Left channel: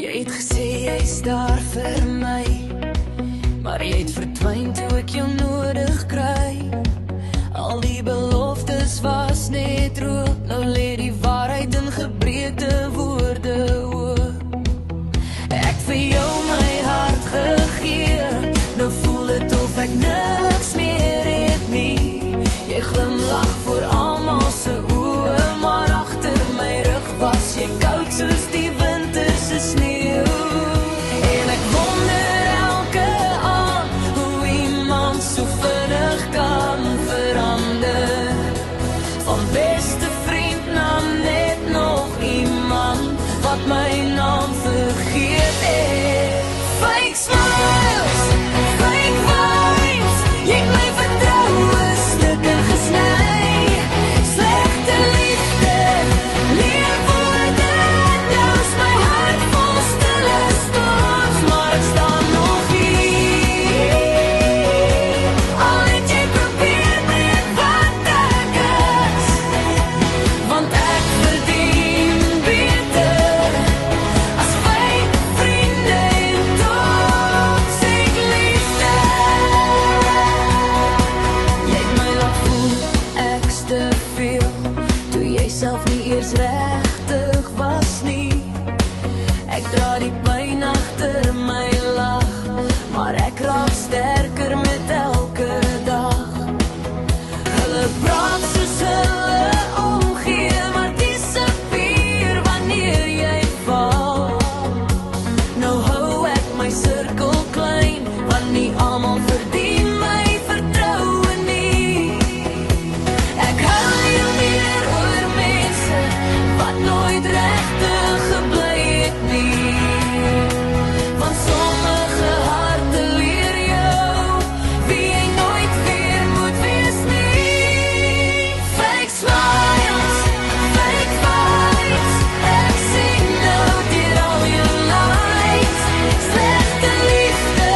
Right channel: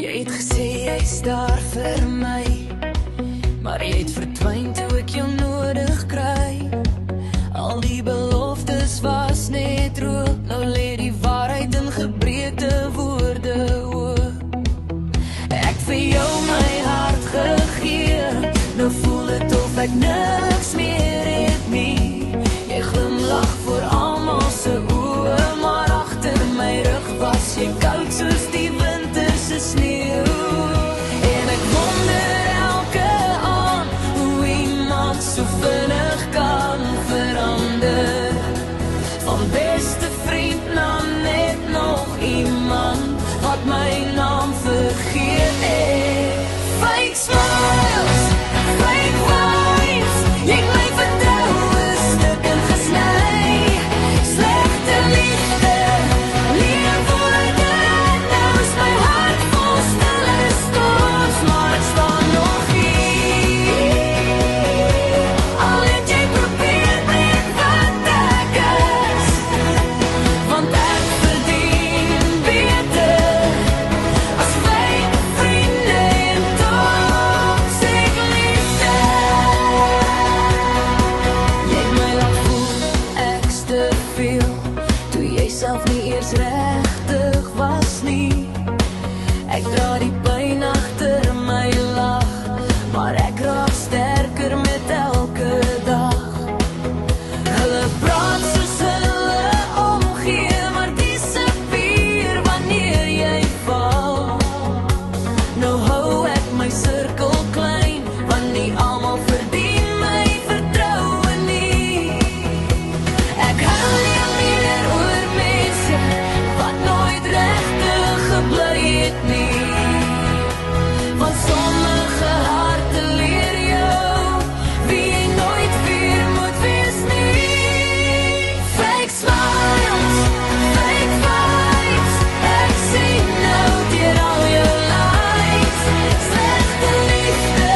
Jy het gesê jy's daar vir my, maar jy het verdwyn toe ek jou nodig kry. Al die beloftes was net rook, nou lê die waarheid in gebreekte woorde oop. Ek vir jou my hart gegee, nou voel het of ek niks meer het nie. Jy glimlag voor almal se oë, maar agter my rug was jy koud soos die winterse sneeu. En ek wonder elke aand hoe iemand so vinnig kan verander. Van beste vriend na net nog iemand wat my naam vergeet het. Fake smiles, fake vibes, jy het my vertroue stukken gesny. Slegte liefde, leefwoorde, nou is my hart vol stille storms, maar ek staan nog hier. Al het jy probeer breek wat ek is, want ek verdien beter as fake vriende en toxic liefde. Jy het my laat voel ek's te veel, toe jy self nie eers regtig was nie. Ek dra die pyn agter my lag, maar ek raak sterker met elke dag. Hulle praat soos hulle omgee, maar disappear wanneer jy val. Nou hou ek my sirkel klein, want nie almal verdien my vertroue nie. Ek hou nie meer oor mense wat nooit regtig gebly het nie, want sommige harte leer jou wie jy nooit weer moet wees nie. Fake smiles, fake vibes, ek sien nou deur al jou lies. Slegte liefde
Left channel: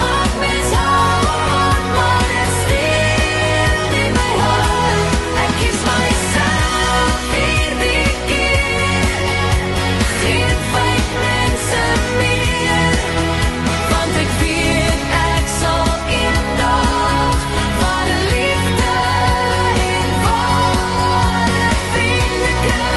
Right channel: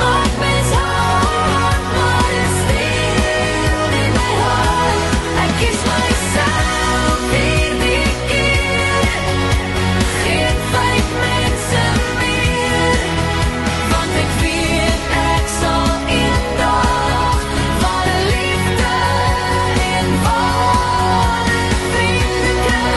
maak mens hard, maar dit steel nie my hart. Ek kies myself hierdie keer, geen fake mense meer, want ek weet ek sal eendag ware liefde en ware vriende kry.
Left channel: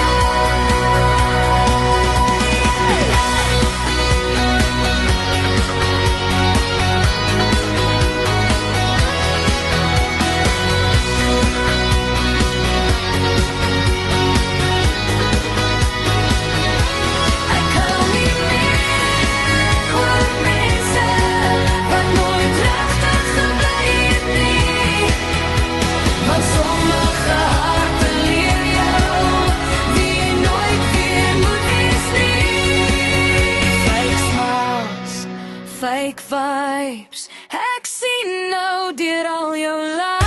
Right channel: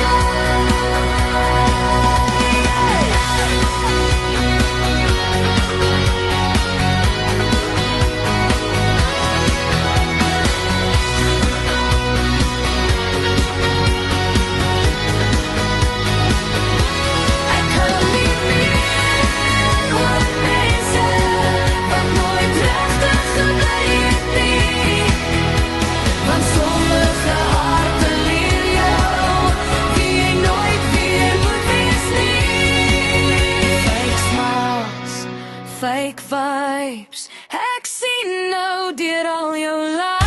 Ek hou nie meer oor mense wat nooit regtig gebly het nie, want sommige harte leer jou wie jy nooit weer moet wees nie. Fake smiles, fake vibes, ek sien nou deur al jou lies.